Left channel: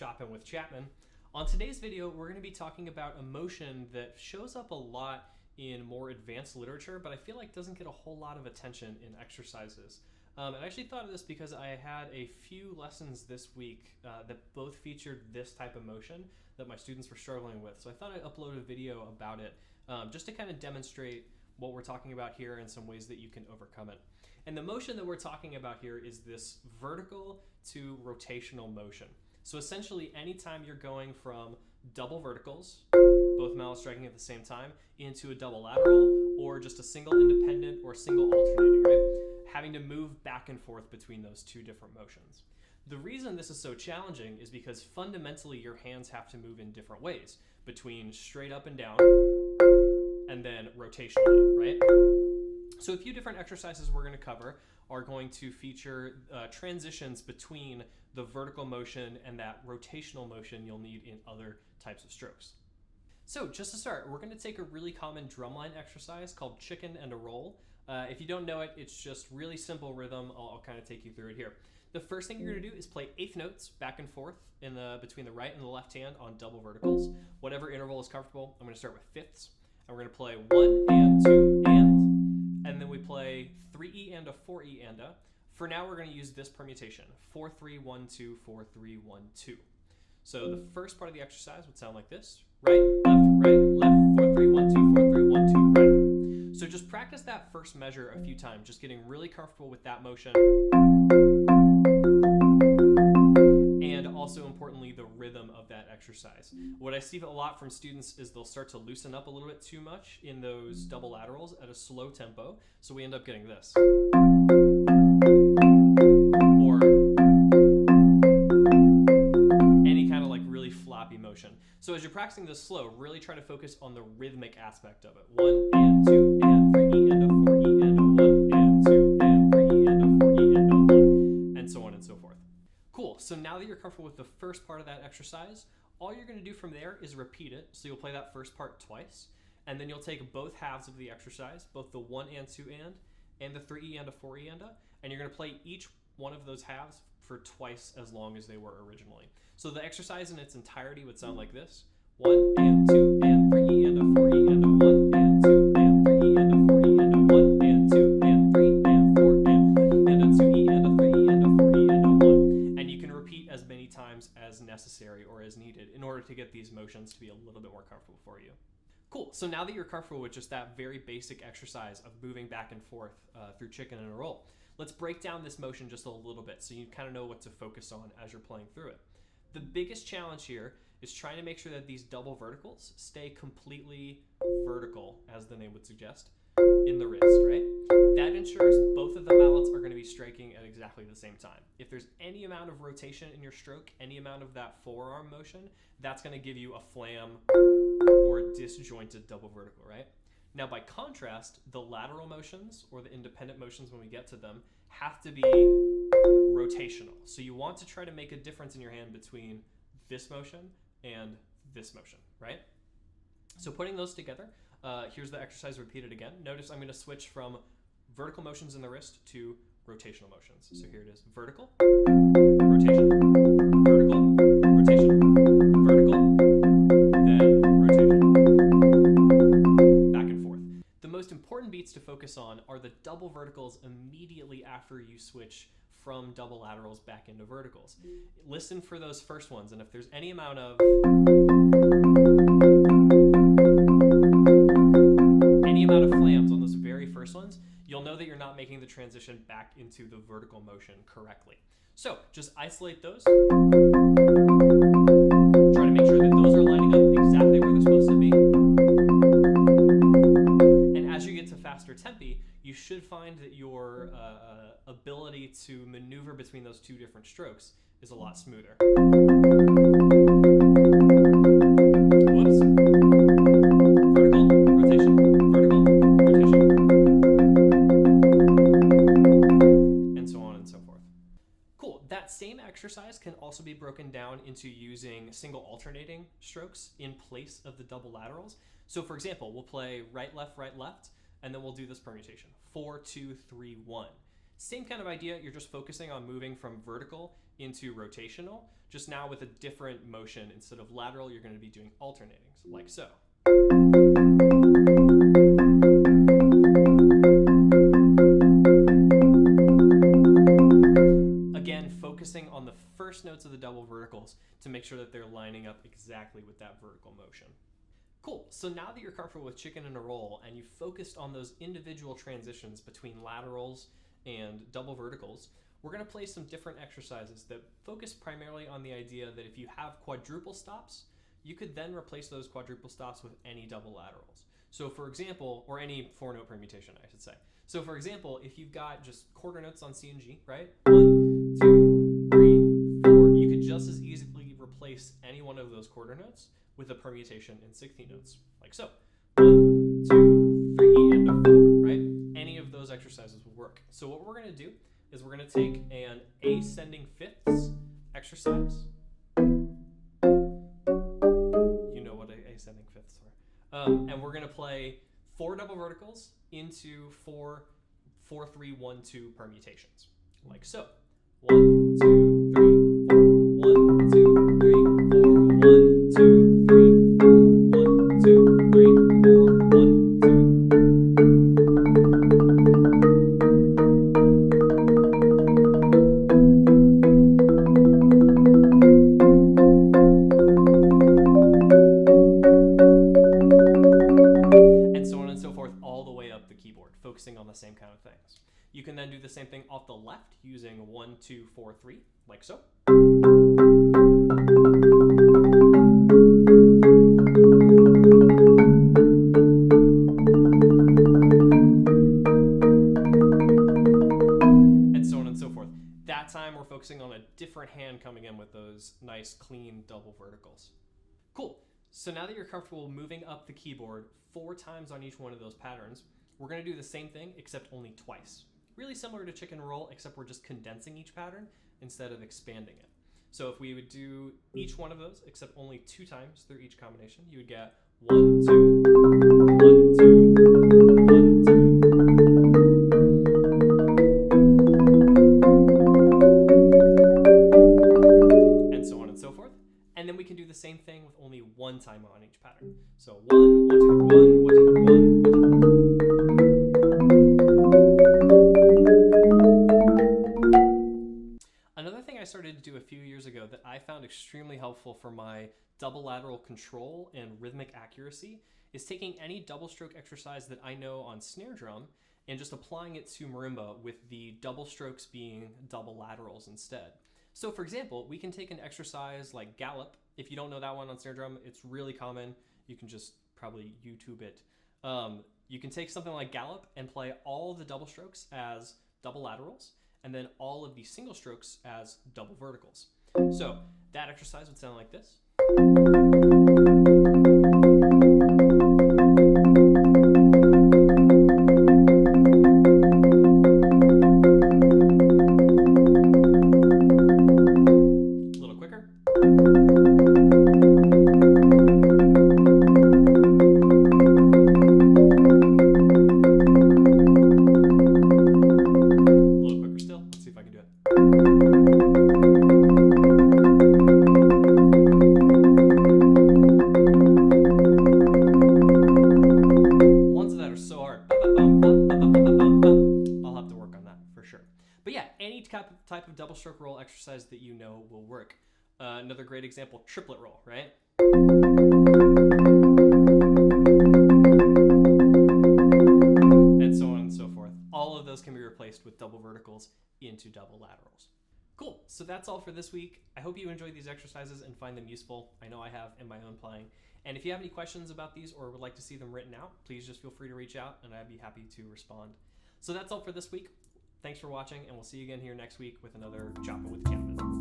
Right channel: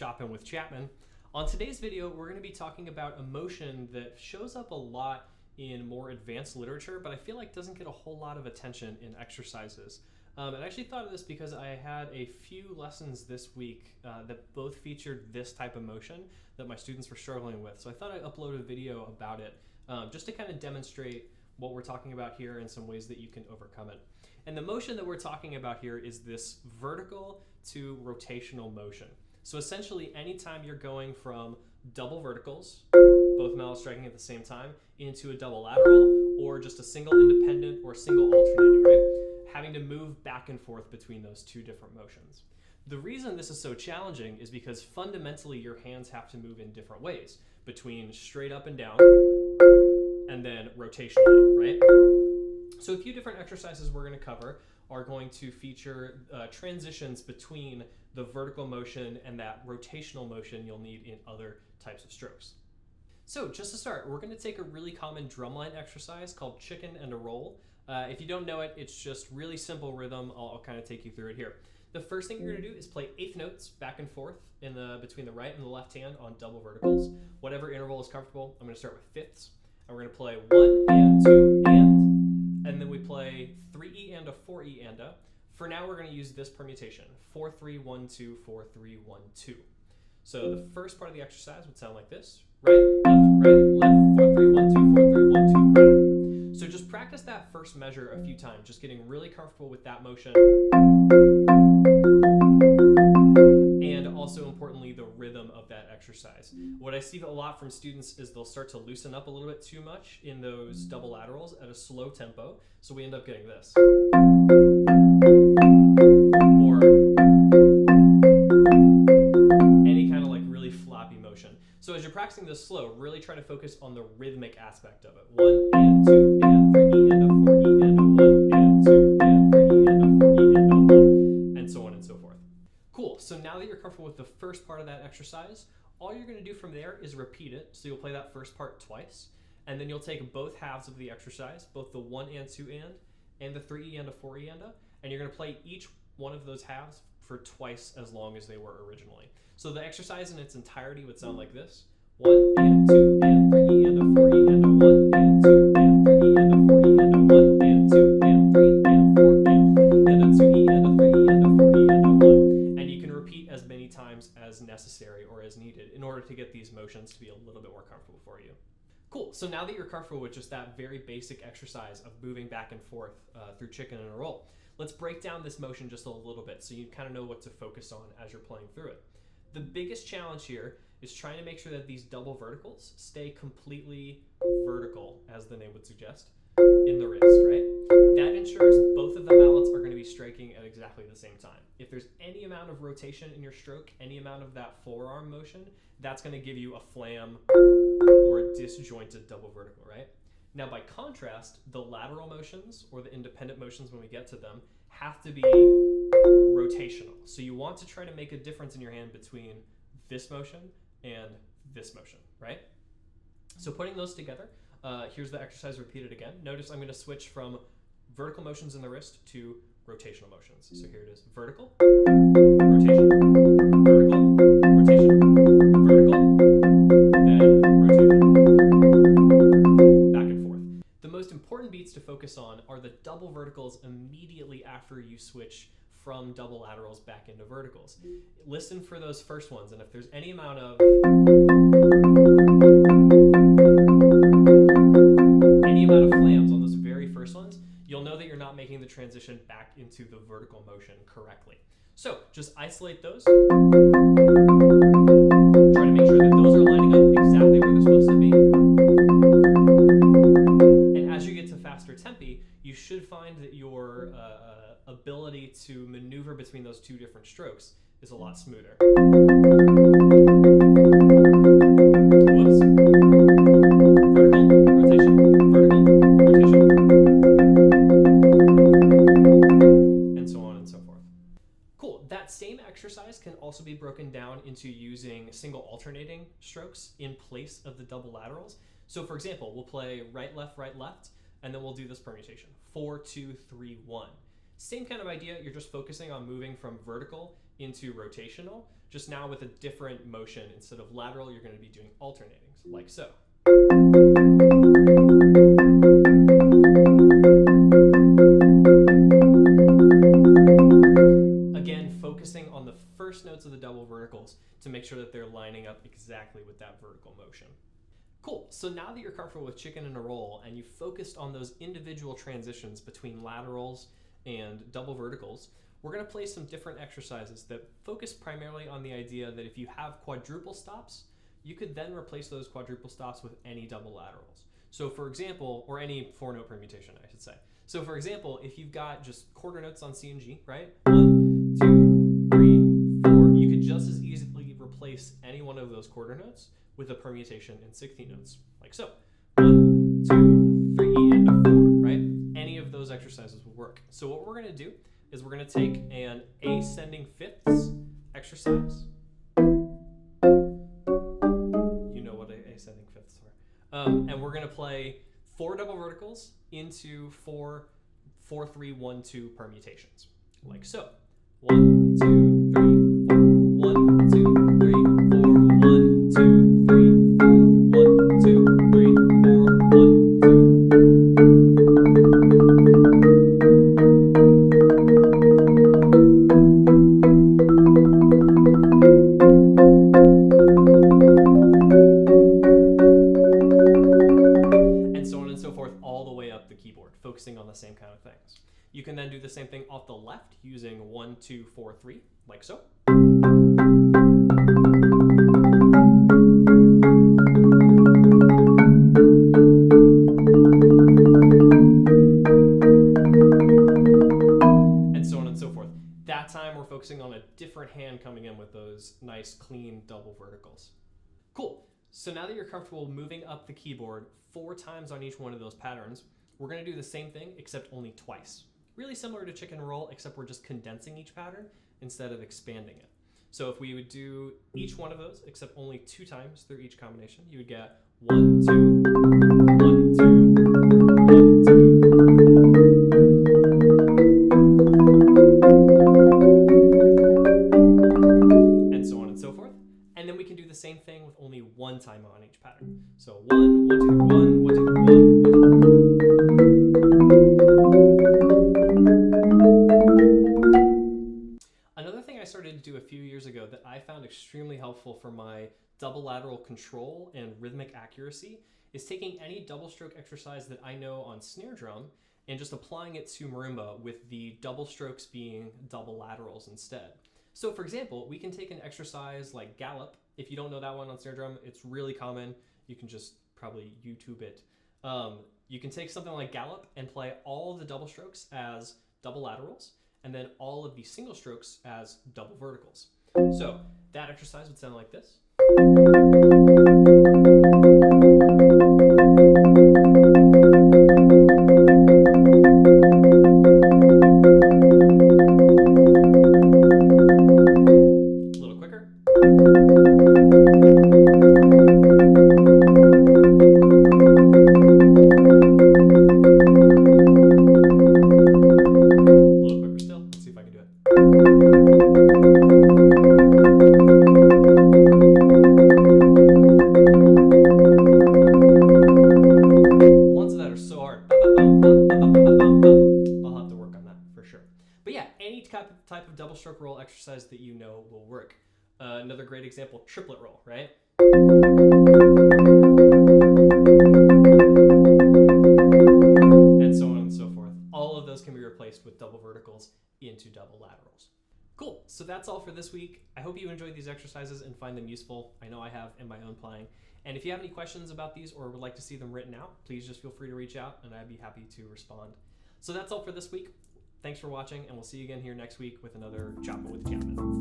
Choppin with Chapman. On today's video, we're going to be talking about a motion that shows up a lot in more advanced literature, but I feel like doesn't get a whole lot of attention in exercises. I actually thought of this because I had a few lessons this week that both featured this type of motion that my students were struggling with. So I thought I'd upload a video about it just to kind of demonstrate what we're talking about here and some ways that you can overcome it. And the motion that we're talking about here is this vertical to rotational motion. So essentially, anytime you're going from double verticals, both mallets striking at the same time, into a double lateral, or just a single independent or single alternating, right? Having to move back and forth between those two different motions. The reason this is so challenging is because fundamentally your hands have to move in different ways, between straight up and down, and then rotationally, right? So a few different exercises we're going to cover are going to feature transitions between the vertical motion and that rotational motion you'll need in other types of strokes. So just to start, we're going to take a really common drumline exercise called chicken and a roll. If you don't know it, it's just really simple rhythm. I'll kind of take you through it here. The first thing you're going to do is play eighth notes back and forth between the right and the left hand on double verticals. Whatever interval is comfortable. I'm going to start with fifths. And we're going to play 1 and 2 and then we play 3E and a 4E and a. For now, we're going to use this permutation, 4-3-1-2, 4-3-1-2. So the first part of the exercise would sound like this: right, left, 4-3-1-2, 4-3-1-2, right. So just practice that first measure a few times, just getting really comfortable with that motion. And also, importantly, the rhythm of that exercise. What I see a lot from students is they'll start to loosen up a little bit too much in those double laterals at a slow tempo, so we end up getting this. Or any kind of like really floppy motion. So as you're practicing this slow, really try to focus on the rhythmic aspect of it. 1 and 2 and 3E and a 4E and a 1 and 2 and 3E and a 4E and a 1, and so on and so forth. Cool, so now that you're comfortable with the first part of that exercise, all you're going to do from there is repeat it. So you'll play that first part twice, and then you'll take both halves of the exercise, both the 1 and 2 and the 3E and a 4E and you're going to play each one of those halves for twice as long as they were originally. So the exercise in its entirety would sound like this: 1 and 2 and 3E and a 4E and a 1 and 2 and 3E and a 4E and a 1 and 2 and 3 and 4 and a 2E and a 3E and a 4E and a 1. And you can repeat as many times as necessary or as needed in order to get these motions to be a little bit more comfortable for you. Cool, so now that you're comfortable with just that very basic exercise of moving back and forth through chicken and a roll, let's break down this motion just a little bit so you kind of know what to focus on as you're playing through it. The biggest challenge here is trying to make sure that these double verticals stay completely vertical, as the name would suggest, in the wrist, right? That ensures both of the mallets are going to be striking at exactly the same time. If there's any amount of rotation in your stroke, any amount of that forearm motion, that's going to give you a flam or a disjointed double vertical, right? Now, by contrast, the lateral motions, or the independent motions when we get to them, have to be rotational. So you want to try to make a difference in your hand between this motion and this motion, right? So putting those together, here's the exercise repeated again. Notice I'm going to switch from vertical motions in the wrist to rotational motions. So here it is: vertical, rotation, vertical, rotation, vertical, then rotation. Back and forth. The most important beats to focus on are the double verticals immediately after you switch from double laterals back into verticals. Listen for those first ones, and if there's any amount of flams on those very first ones, you'll know that you're not making the transition back into the vertical motion correctly. So just isolate those. Try to make sure that those are lining up exactly where they're supposed to be. And as you get to faster tempi, you should find that your ability to maneuver between those two different strokes is a lot smoother. Whoops. Vertical, rotation, vertical, rotation. And so on and so forth. Cool. That same exercise can also be broken down into using single alternating strokes in place of the double laterals. So for example, we'll play right, left, and then we'll do this permutation: 4-2-3-1. Same kind of idea, you're just focusing on moving from vertical into rotational, just now with a different motion. Instead of lateral, you're going to be doing alternating, like so. Again, focusing on the first notes of the double verticals to make sure that they're lining up exactly with that vertical motion. Cool, so now that you're comfortable with chicken in a roll and you've focused on those individual transitions between laterals and double verticals, we're going to play some different exercises that focus primarily on the idea that if you have quadruple stops, you could then replace those quadruple stops with any double laterals. So for example, or any 4-note permutation, I should say. So for example, if you've got just quarter notes on C and G, right? 1, 2, 3, 4, you could just as easily replace any one of those quarter notes with a permutation in 16 notes, like so. 1, 2, 3, and a 4, right? Any of those exercises will work. So what we're going to do is we're going to take an ascending fifths exercise. You know what ascending fifths are. And we're going to play 4 double verticals into 4 3 1 2 permutations, like so. 1, 2, 3, 4, 1, 2, 3, 4, 1, 2, 3, 4, 1, 2, 3, 4, 1, 2. And so on and so forth, all the way up the keyboard, focusing on the same kind of things. You can then do the same thing off the left using 1, 2, 4, 3, like so. And so on and so forth. That time we're focusing on a different hand coming in with those nice clean double verticals. Cool. So now that you're comfortable moving up the keyboard 4 times on each one of those patterns, we're going to do the same thing except only twice. Really similar to chicken roll, except we're just condensing each pattern instead of expanding it. So if we would do each one of those, except only 2 times through each combination, you would get 1, 2, 1, 2, 1, 2. And so on and so forth. And then we can do the same thing with only 1 time on each pattern. So 1, 1, 2, 3, 1, 1, 2, 3, 1, 1, 2, 3. Another thing I started to do a few years ago that I found extremely helpful for my double lateral control and rhythmic accuracy is taking any double stroke exercise that I know on snare drum and just applying it to marimba with the double strokes being double laterals instead. So for example, we can take an exercise like gallop. If you don't know that one on snare drum, it's really common. You can just probably YouTube it. You can take something like gallop and play all of the double strokes as double laterals, and then all of the single strokes as double verticals. So that exercise would sound like this. A little quicker. Type of double stroke roll exercise that you know will work. Another great example, triplet roll, right? And so on and so forth. All of those can be replaced with double verticals into double laterals. Cool, so that's all for this week. I hope you enjoyed these exercises and find them useful. I know I have in my own playing. And if you have any questions about these or would like to see them written out, please just feel free to reach out and I'd be happy to respond. So that's all for this week. Thanks for watching, and we'll see you again here next week with another Choppin' with Chapman.